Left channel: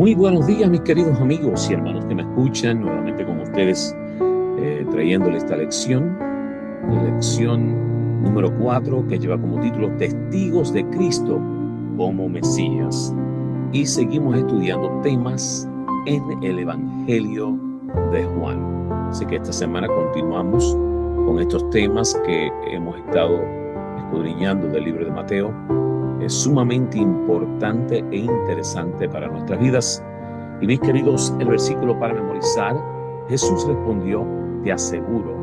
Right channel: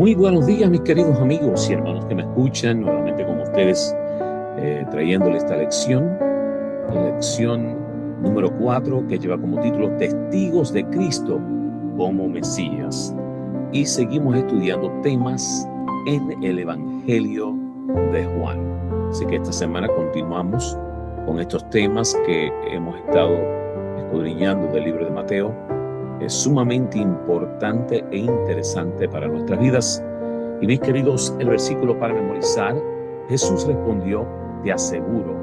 Muy buenos días, mis queridos amigos y hermanos que me escuchan, nuevamente con ustedes, trayéndoles esta lección número 4, que lleva como título Testigos de Cristo como Mesías. Y seguimos estudiando temas en el Evangelio de Juan. Así que esta semana continuamos con estos temas que hemos estado escudriñando del libro de Mateo. Es sumamente importante e interesante para nuestras vidas. Y mis queridos, el versículo para memorizar: Jesús respondió: te aseguro,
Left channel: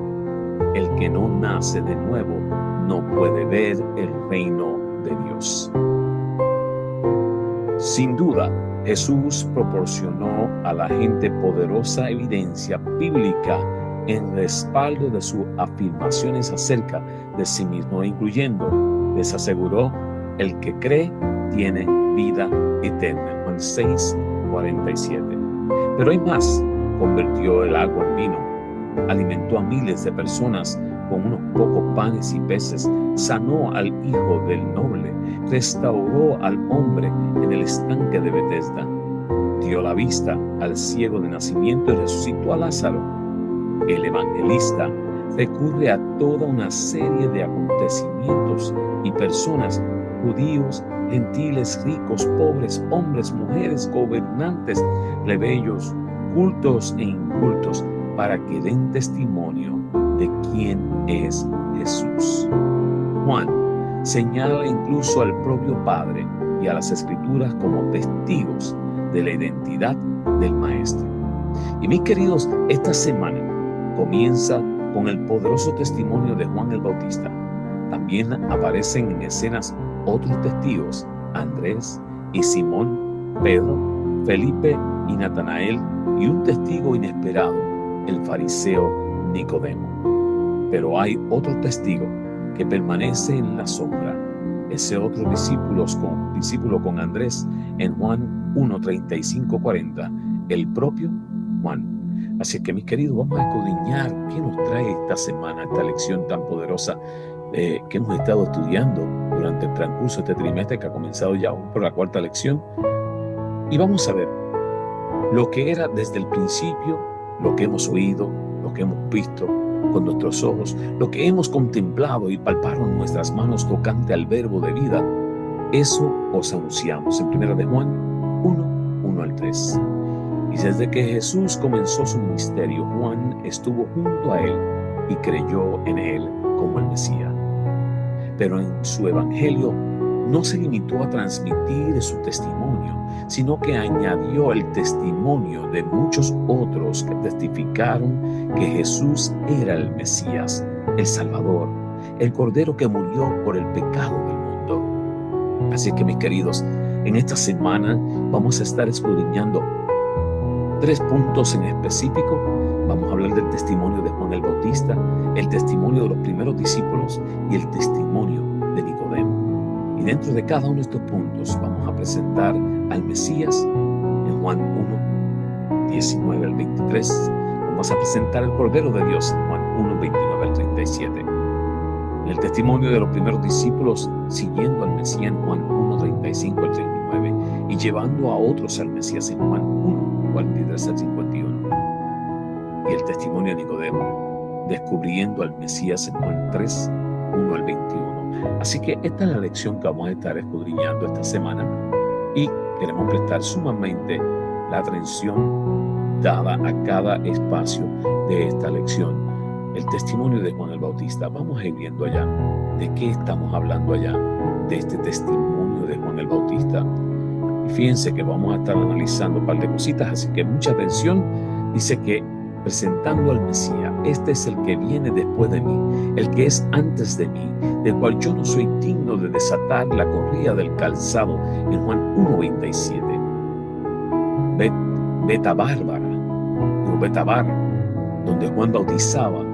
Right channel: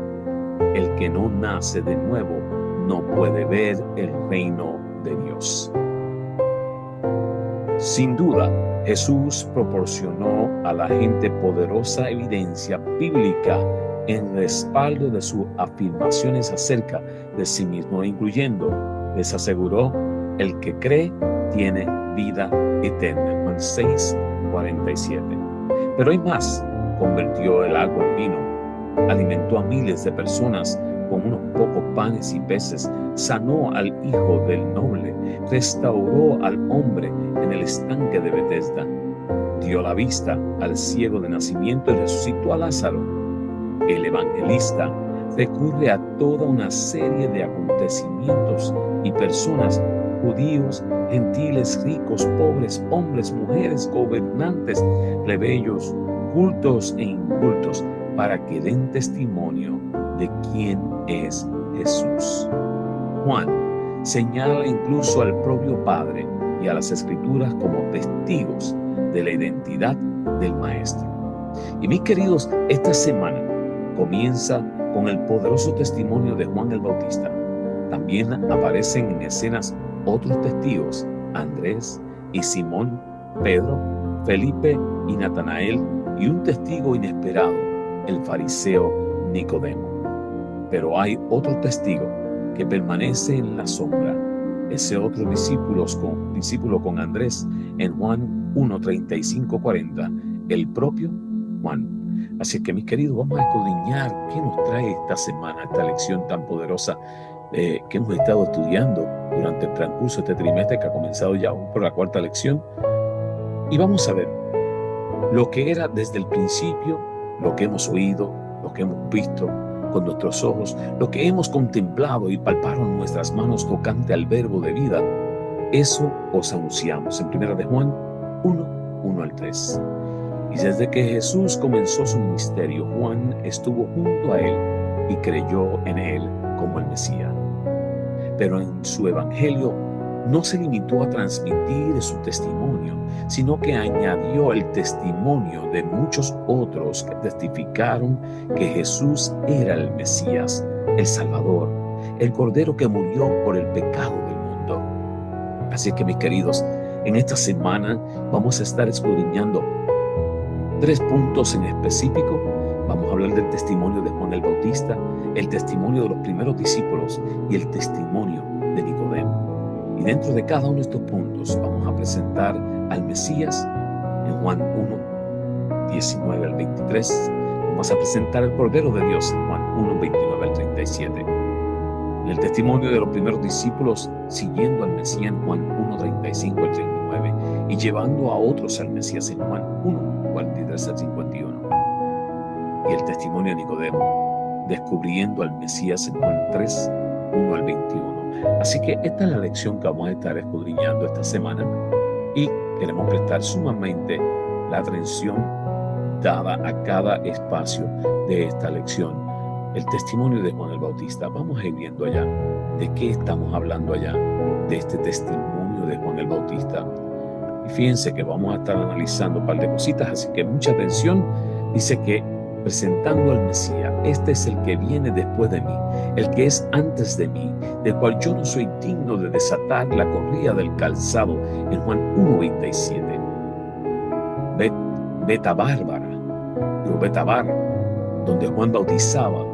el que no nace de nuevo no puede ver el reino de Dios. Sin duda, Jesús proporcionó a la gente poderosa evidencia bíblica en respaldo de sus afirmaciones acerca de sí mismo, incluyendo: les aseguró, el que cree tiene vida eterna. Juan 6:47. Pero hay más: convirtió el agua en vino, alimentó a miles de personas con unos pocos panes y peces, sanó al hijo del noble, restauró al hombre en el estanque de Betesda, dio la vista al ciego de nacimiento y resucitó a Lázaro. El evangelista recurre a toda una serie de acontecimientos y personas, judíos, gentiles, ricos, pobres, hombres, mujeres, gobernantes, plebeyos, cultos e incultos, para que den testimonio de quién es Jesús. Juan señala incluso al propio Padre y a las Escrituras como testigos de la identidad del Maestro. Y mis queridos, esta semana comienza con el poderoso testimonio de Juan el Bautista. También aparecen en escenas otros testigos: Andrés y Simón, Pedro, Felipe y Natanael, y un testigo inesperado, el fariseo Nicodemo. Pero hay otro testigo que permanece en la sombra, ese otro discípulo con Andrés en Juan 1:35-40, el propio Juan. Así que, mis queridos, vamos a escudriñar qué nos trae esta semana, esta lección tan poderosa que hemos estado estudiando durante el transcurso de este trimestre, que ha comenzado ya por la cuarta lección. Y vamos a ver lo que era desde el principio, lo que hemos oído, lo que hemos visto con nuestros ojos, lo que hemos contemplado y palparon nuestras manos tocante al verbo de vida. Eso os anunciamos en 1 de Juan 1:1-3. Y desde que Jesús comenzó su ministerio, Juan estuvo junto a él y creyó en él como el Mesías. Pero en su evangelio no se limitó a transmitir su testimonio, sino que añadió el testimonio de muchos otros que testificaron que Jesús era el Mesías, el Salvador, el Cordero que murió por el pecado del mundo. Así que, mis queridos, en esta semana vamos a estar escudriñando 3 puntos en específico. Vamos a hablar del testimonio de Juan el Bautista, el testimonio de los primeros discípulos y el testimonio de Nicodemo. Y dentro de cada uno de estos puntos vamos a presentar al Mesías en Juan 1:19-23. Vamos a presentar el Cordero de Dios en Juan 1:29-37. Y el testimonio de los primeros discípulos siguiendo al Mesías en Juan 1:35-39 y llevando a otros al Mesías en Juan 1:43-51. Y el testimonio de Nicodemo, descubriendo al Mesías en Juan 3:1-21. Así que esta es la lección que vamos a estar escudriñando esta semana, y queremos prestar sumamente la atención dada a cada espacio de esta lección. El testimonio de Juan el Bautista. Vamos a ir viendo allá de qué estamos hablando allá, de este testimonio de Juan el Bautista. Y fíjense que vamos a estar analizando un par de cositas, así que mucha atención. Dice que presentando al Mesías: este es el que viene después de mí, el que es antes de mí, del cual yo no soy digno de desatar la correa del calzado, en Juan 1:27. Betabár, donde Juan bautizaba,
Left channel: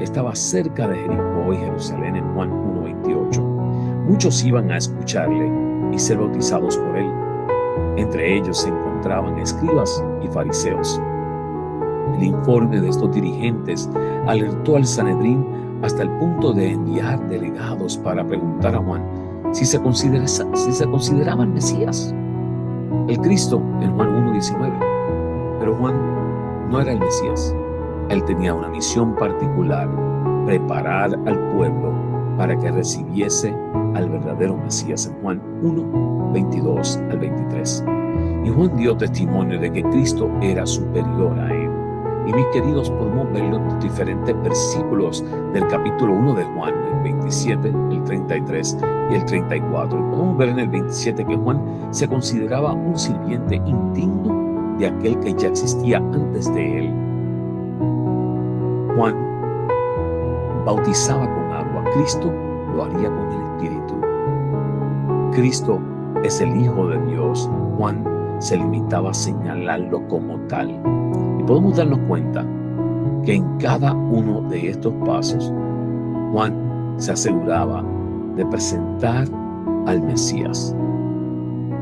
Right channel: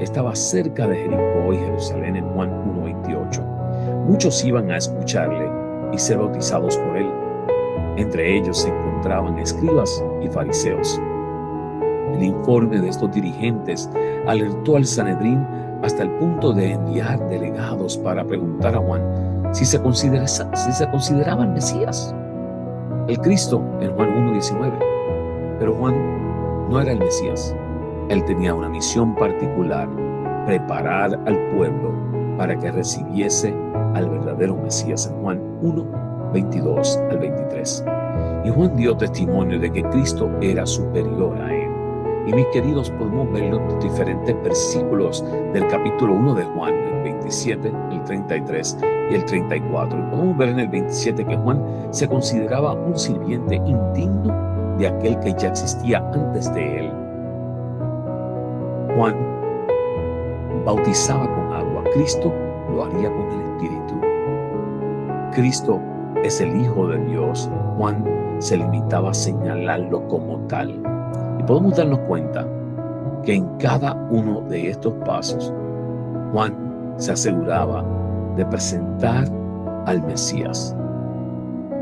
estaba cerca de Jericó y Jerusalén, en Juan 1:28. Muchos iban a escucharle y ser bautizados por él. Entre ellos se encontraban escribas y fariseos. El informe de estos dirigentes alertó al Sanedrín hasta el punto de enviar delegados para preguntar a Juan si se consideraba el Mesías. el Cristo en Juan 1:19. Pero Juan no era el Mesías. Él tenía una misión particular: preparar al pueblo para que recibiese al verdadero Mesías, en Juan 1:22 al 23. Y Juan dio testimonio de que Cristo era superior a él. Y mis queridos, podemos verlo en los diferentes versículos del capítulo 1 de Juan, el 27, el 33 y el 34. Y podemos ver en el 27 que Juan se consideraba un sirviente indigno de aquel que ya existía antes de él. Juan bautizaba con agua, Cristo lo haría con el Espíritu. Cristo es el Hijo de Dios. Juan se limitaba a señalarlo como tal. Y podemos darnos cuenta que en cada uno de estos pasos, Juan se aseguraba de presentar al Mesías,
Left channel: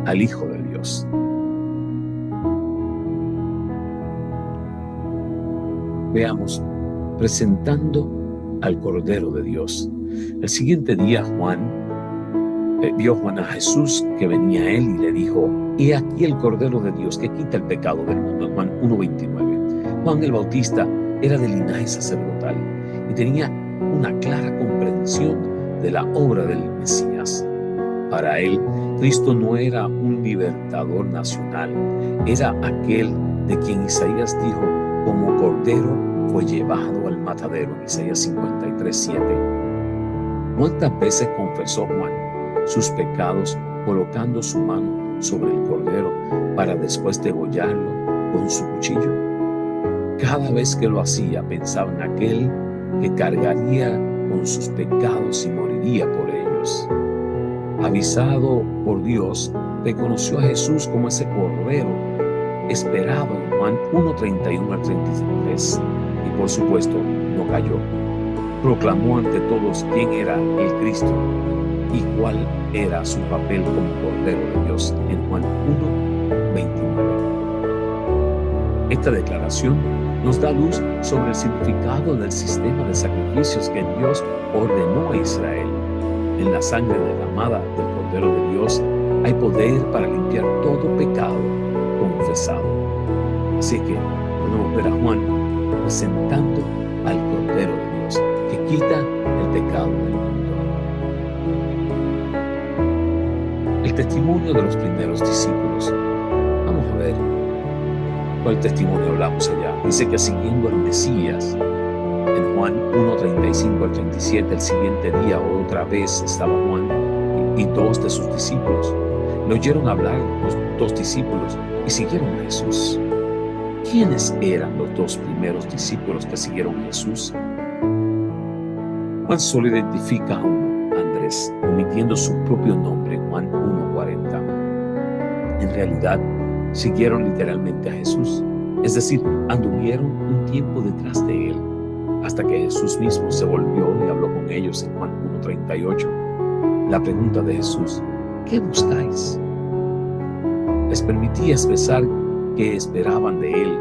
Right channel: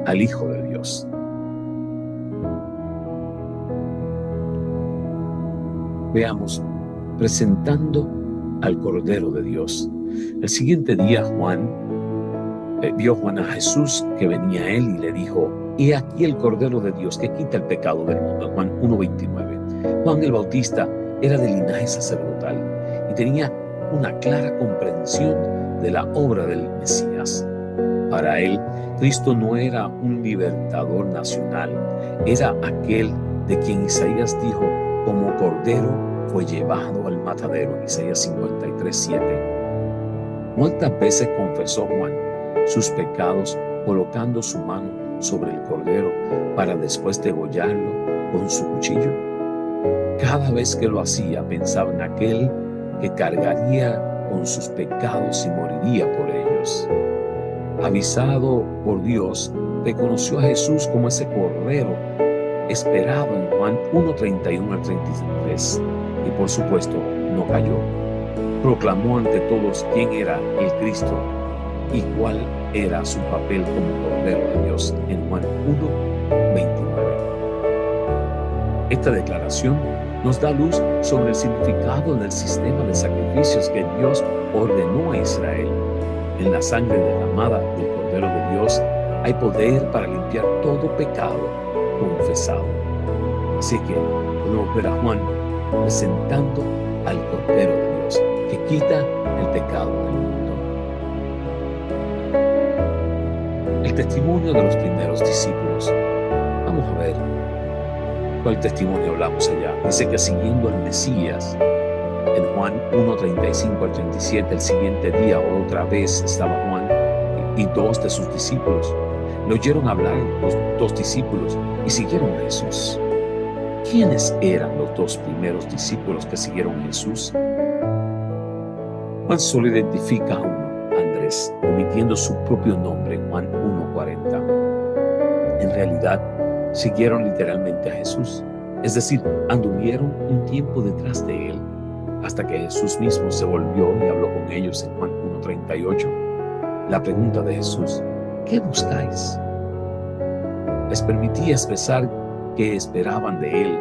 al Hijo de Dios. Veamos, presentando al Cordero de Dios. El siguiente día vio Juan a Jesús que venía a él y le dijo: he aquí el Cordero de Dios que quita el pecado del mundo. Juan 1:29. Juan el Bautista era de linaje sacerdotal y tenía una clara comprensión de la obra del Mesías. Para él, Cristo no era un libertador nacional, era aquel de quien Isaías dijo: como cordero fue llevado al matadero, en Isaías 53:7. ¿Cuántas veces confesó Juan sus pecados colocando su mano sobre el cordero para después degollarlo con su cuchillo? Cada vez que lo hacía, pensaba en aquel que cargaría con sus pecados y moriría por ellos. Avisado por Dios, reconoció a Jesús como ese cordero esperado en Juan 1:31 al 33. Y por supuesto, no cayó. Proclamó ante todos quién era el Cristo y cuál era su papel como Cordero de Dios en Juan 1:29. Esta declaración nos da luz sobre el significado del sistema de sacrificios que Dios ordenó a Israel. En la sangre derramada del Cordero de Dios hay poder para limpiar todo pecado confesado. Así que podemos ver a Juan presentando al Cordero de Dios que quita el pecado del mundo. El testimonio de los primeros discípulos. Vamos a ver cuál testimonio hablamos allá. Dice que siguiendo al Mesías, en Juan 1:35 al 37, el siguiente día otra vez estaba Juan y dos de sus discípulos. Le oyeron hablar los dos discípulos y siguieron a Jesús. ¿Quiénes eran los dos primeros discípulos que siguieron a Jesús? Juan solo identifica a uno, Andrés, omitiendo su propio nombre, Juan 1:40. En realidad, siguieron literalmente a Jesús, es decir, anduvieron un tiempo detrás de él, hasta que Jesús mismo se volvió y habló con ellos en Juan 1:38. La pregunta de Jesús: ¿qué buscáis? Les permitía expresar que esperaban de él.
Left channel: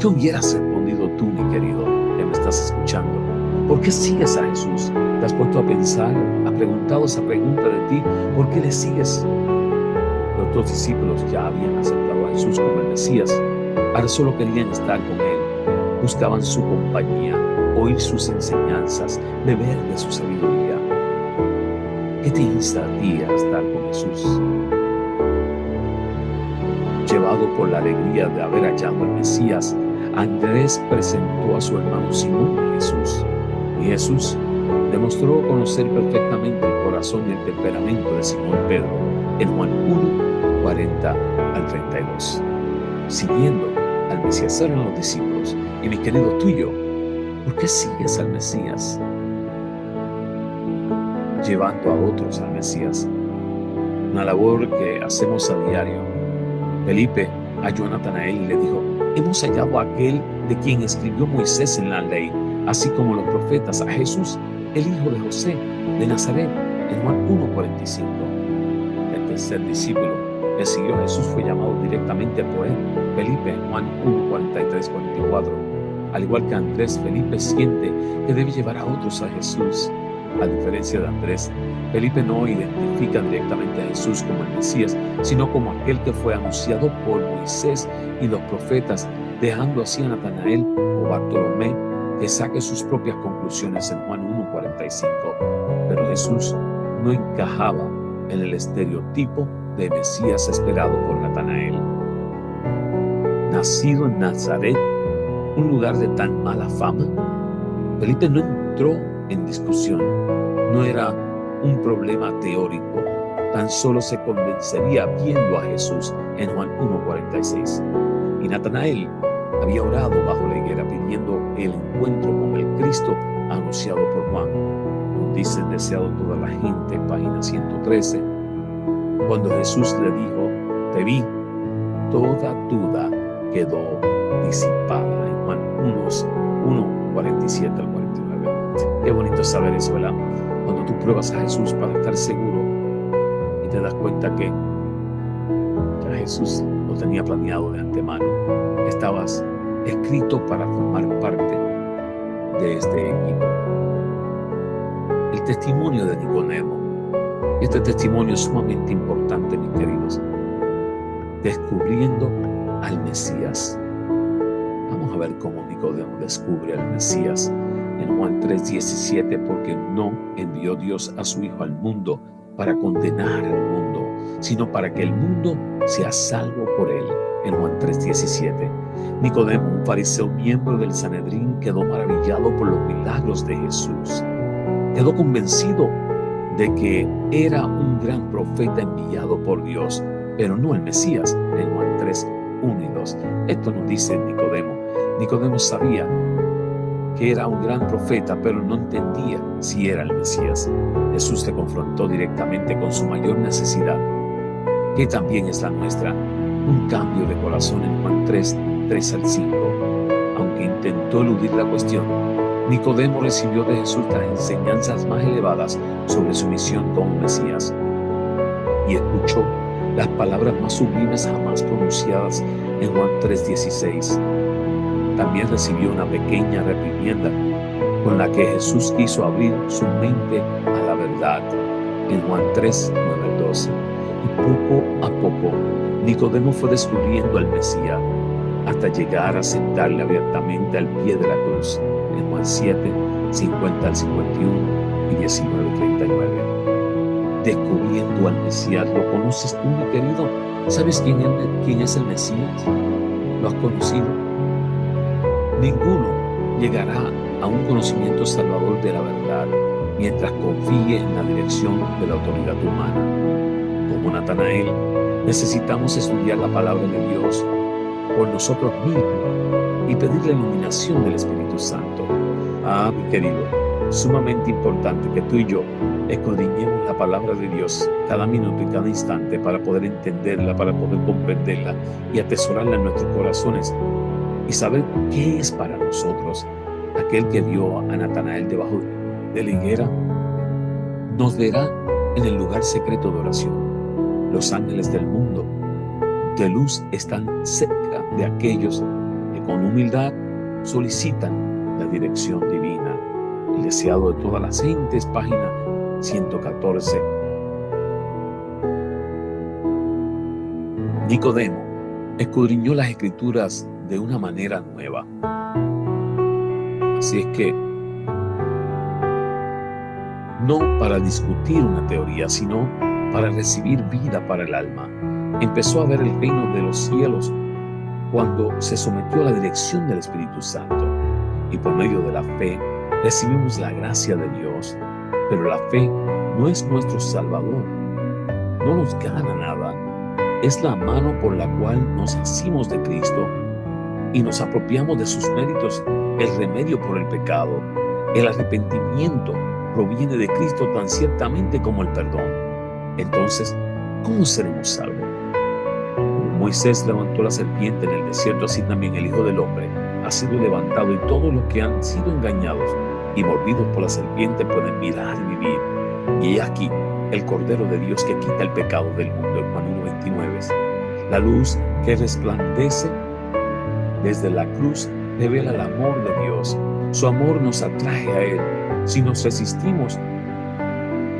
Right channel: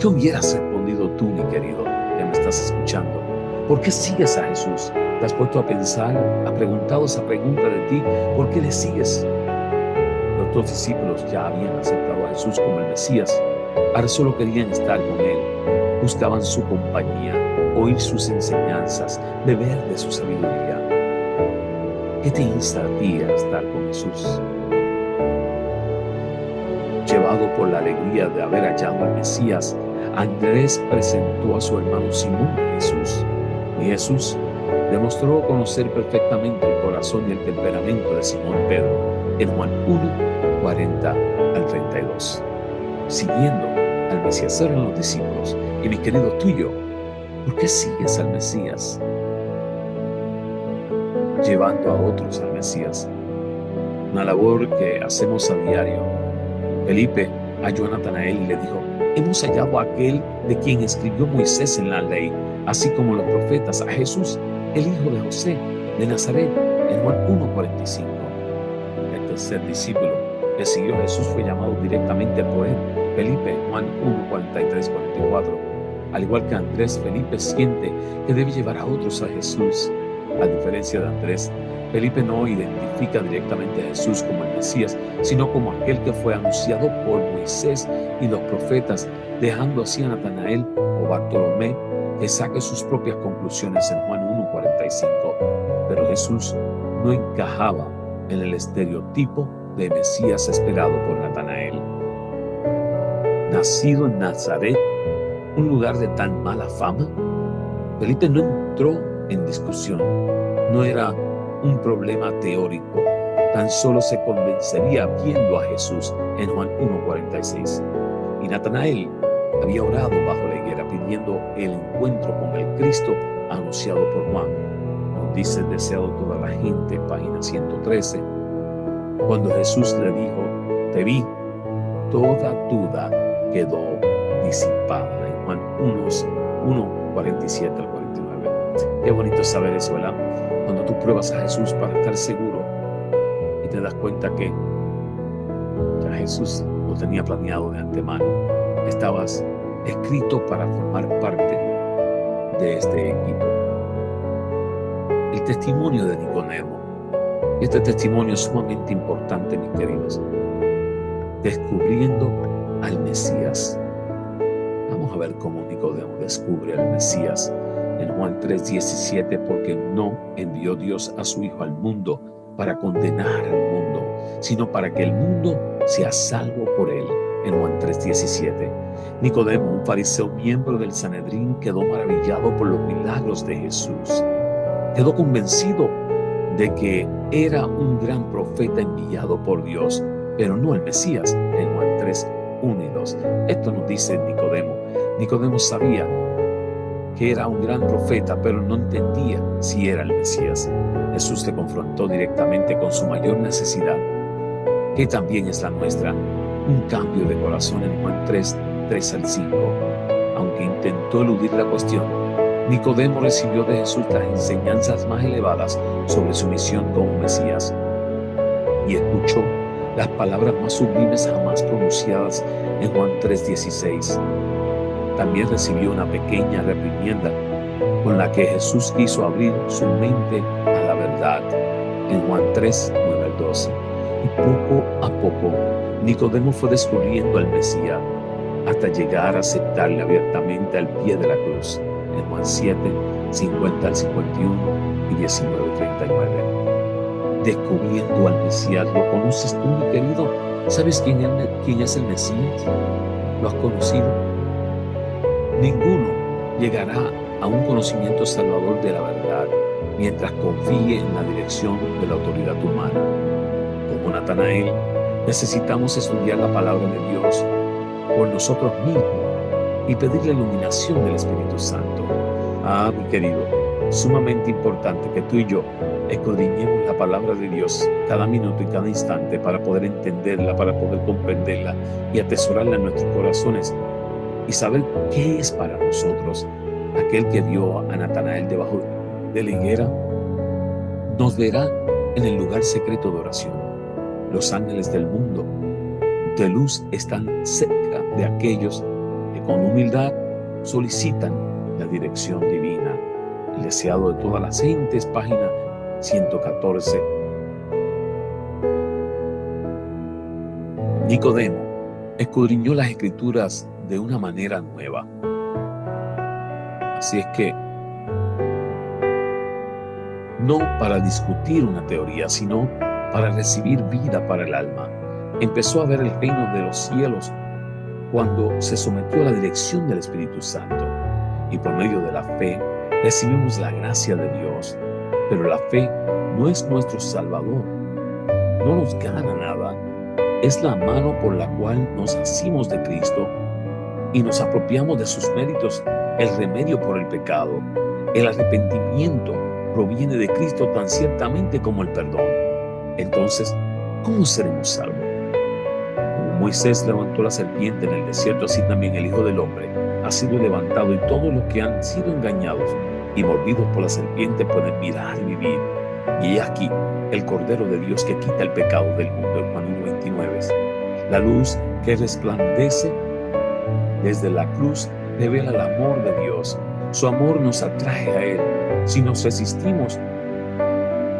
¿Qué hubieras respondido tú, mi querido, que me estás escuchando? ¿Por qué sigues a Jesús? ¿Te has puesto a pensar, has preguntado esa pregunta de ti? ¿Por qué le sigues? Los dos discípulos ya habían aceptado a Jesús como el Mesías. Ahora solo querían estar con él. Buscaban su compañía, oír sus enseñanzas, beber de su sabiduría. ¿Qué te insta a ti a estar con Jesús? Llevado por la alegría de haber hallado al Mesías, Andrés presentó a su hermano Simón a Jesús. Y Jesús demostró conocer perfectamente el corazón y el temperamento de Simón Pedro en Juan 1:40 al 32. Siguiendo al Mesías eran los discípulos. Y mi querido, tú y yo, ¿por qué sigues al Mesías? Llevando a otros al Mesías. Una labor que hacemos a diario. Felipe halló a Natanael y le dijo: hemos hallado a aquel de quien escribió Moisés en la ley, así como los profetas, a Jesús, el hijo de José, de Nazaret, en Juan 1:45. El tercer discípulo que siguió a Jesús fue llamado directamente por él, Felipe, Juan 1:43-44. Al igual que Andrés, Felipe siente que debe llevar a otros a Jesús. A diferencia de Andrés, Felipe no identifica directamente a Jesús como el Mesías, sino como aquel que fue anunciado por Moisés y los profetas, dejando así a Natanael o Bartolomé que saque sus propias conclusiones en Juan 1:45. Pero Jesús no encajaba en el estereotipo de Mesías esperado por Natanael. Nacido en Nazaret, un lugar de tan mala fama, Felipe no entró en discusión. No era un problema teórico, tan solo se convencería viendo a Jesús en Juan 1:46. Y Natanael había orado bajo la higuera pidiendo el encuentro con el Cristo anunciado por Juan. Nos dice el deseado de toda la gente, página 113. Cuando Jesús le dijo, te vi, toda duda quedó disipada. En Juan 1:47 al 49. Qué bonito saber eso, ¿verdad? Cuando tú pruebas a Jesús para estar seguro y te das cuenta que ya Jesús lo tenía planeado de antemano. Estabas escrito para formar parte de este equipo. El testimonio de Nicodemo. Este testimonio es sumamente importante, mis queridos. Descubriendo al Mesías. Vamos a ver cómo Nicodemo descubre al Mesías. En Juan 3:17, porque no envió Dios a su Hijo al mundo para condenar al mundo, sino para que el mundo sea salvo por él. En Juan 3:17, Nicodemo, un fariseo miembro del Sanedrín, quedó maravillado por los milagros de Jesús. Quedó convencido de que era un gran profeta enviado por Dios, pero no el Mesías. En Juan 3:1 y 2. Esto nos dice Nicodemo. Nicodemo sabía que era un gran profeta, pero no entendía si era el Mesías. Jesús le confrontó directamente con su mayor necesidad, que también es la nuestra, un cambio de corazón en Juan 3 al 5. Aunque intentó eludir la cuestión, Nicodemo recibió de Jesús las enseñanzas más elevadas sobre su misión como Mesías y escuchó las palabras más sublimes jamás pronunciadas en Juan 3:16. También recibió una pequeña reprimienda con la que Jesús quiso abrir su mente a la verdad en Juan 3:9 al 12. Y poco a poco Nicodemo fue descubriendo al Mesías hasta llegar a aceptarle abiertamente al pie de la cruz en Juan 7:50 al 51 y 19:39. Descubriendo al Mesías. ¿Lo conoces tú, mi querido? ¿Sabes quién es el Mesías? ¿Lo has conocido? Ninguno llegará a un conocimiento salvador de la verdad mientras confíe en la dirección de la autoridad humana. Como Natanael, necesitamos estudiar la palabra de Dios por nosotros mismos y pedir la iluminación del Espíritu Santo. Mi querido, sumamente importante que tú y yo escudriñemos la palabra de Dios cada minuto y cada instante para poder entenderla, para poder comprenderla y atesorarla en nuestros corazones y saber qué es para nosotros. Aquel que vio a Natanael debajo de la higuera nos verá en el lugar secreto de oración. Los ángeles del mundo de luz están cerca de aquellos que con humildad solicitan la dirección divina. El deseado de todas las gentes, página 114. Nicodemo escudriñó las Escrituras de una manera nueva. Así es que no para discutir una teoría, sino para recibir vida para el alma. Empezó a ver el reino de los cielos cuando se sometió a la dirección del Espíritu Santo. Y por medio de la fe recibimos la gracia de Dios. Pero la fe no es nuestro Salvador. No nos gana nada. Es la mano por la cual nos asimos de Cristo y nos apropiamos de sus méritos, el remedio por el pecado. El arrepentimiento proviene de Cristo tan ciertamente como el perdón. Entonces, ¿cómo seremos salvos? Como Moisés levantó la serpiente en el desierto, así también el Hijo del Hombre ha sido levantado, y todos los que han sido engañados y mordidos por la serpiente pueden mirar y vivir. Y he aquí el Cordero de Dios que quita el pecado del mundo, en Juan 1:29. La luz que resplandece desde la cruz revela el amor de Dios. Su amor nos atrae a Él. Si nos resistimos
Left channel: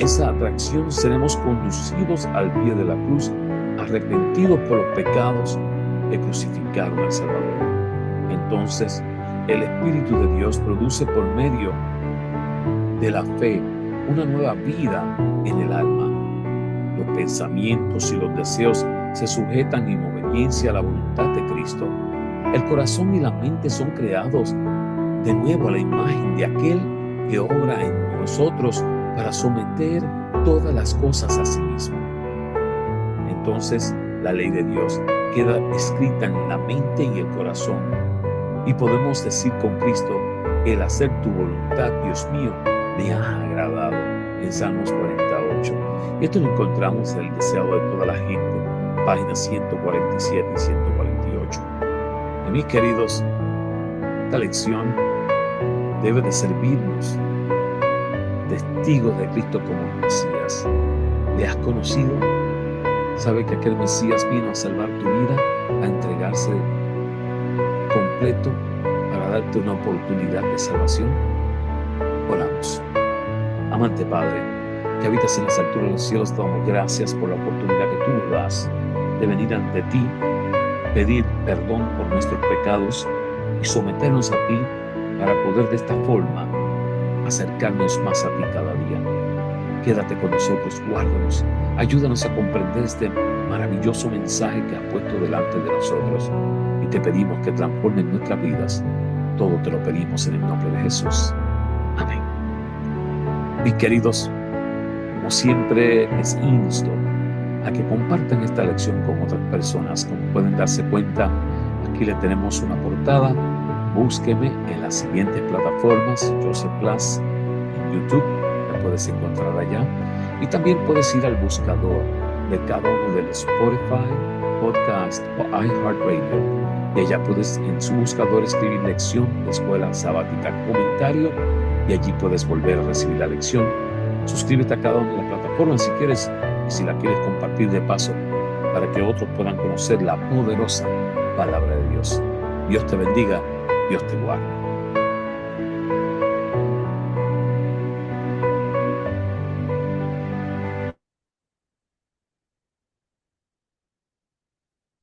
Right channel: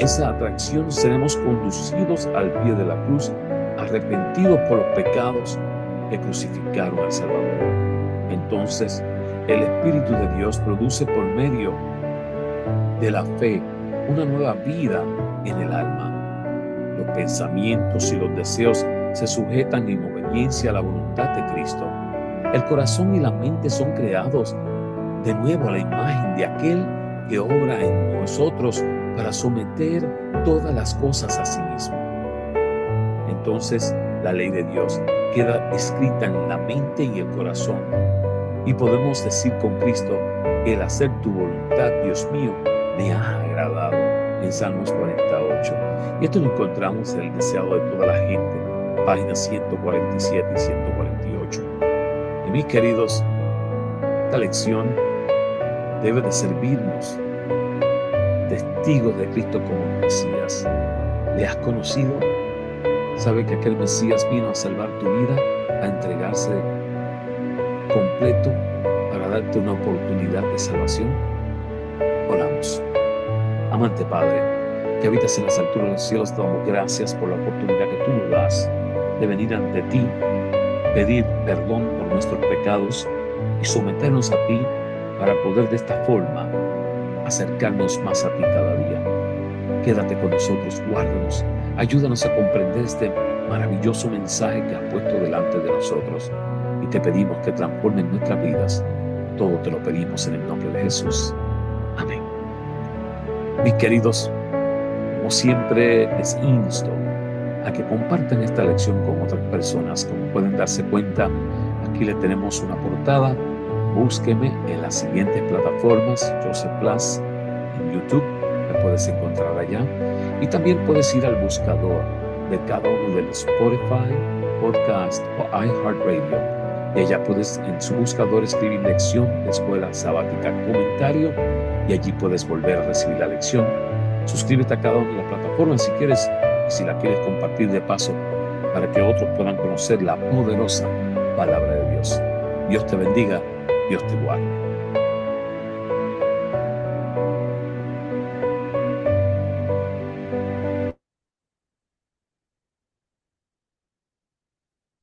esa atracción seremos conducidos al pie de la cruz, arrepentidos por los pecados que crucificaron al Salvador. Entonces, el Espíritu de Dios produce por medio de la fe una nueva vida en el alma. Los pensamientos y los deseos se sujetan en obediencia a la voluntad de Cristo. El corazón y la mente son creados de nuevo a la imagen de aquel que obra en nosotros para someter todas las cosas a sí mismo. Entonces, la ley de Dios queda escrita en la mente y el corazón, y podemos decir con Cristo: el hacer tu voluntad, Dios mío, me ha agradado, en Salmos 48. Y esto lo encontramos en el deseado de toda la gente, páginas 147 y 148. Y mis queridos, esta lección debe de servirnos testigos de Cristo como Mesías. ¿Le has conocido? ¿Sabe que aquel Mesías vino a salvar tu vida, a entregarse completo para darte una oportunidad de salvación? Oramos. Amante Padre, que habitas en las alturas de los cielos, te damos gracias por la oportunidad que tú nos das de venir ante ti, pedir perdón por nuestros pecados y someternos a ti para poder de esta forma acercarnos más a ti cada día. Quédate con nosotros, guárdanos, ayúdanos a comprender este maravilloso mensaje que has puesto delante de nosotros, y te pedimos que transformen nuestras vidas. Todo te lo pedimos en el nombre de Jesús. Amén. Mis queridos, como siempre les insto a que compartan esta lección con otras personas. Como pueden darse cuenta, aquí le tenemos una portada. Búsqueme en las siguientes plataformas: Joseph Plas en YouTube, me puedes encontrar allá, y también puedes ir al buscador de cada uno de los Spotify, Podcast o iHeartRadio, y allá puedes en su buscador escribir lección de escuela sabática comentario, y allí puedes volver a recibir la lección. Suscríbete a cada una de las plataformas si quieres, y si la quieres compartir de paso para que otros puedan conocer la poderosa palabra de Dios. Dios te bendiga, Dios te guarde.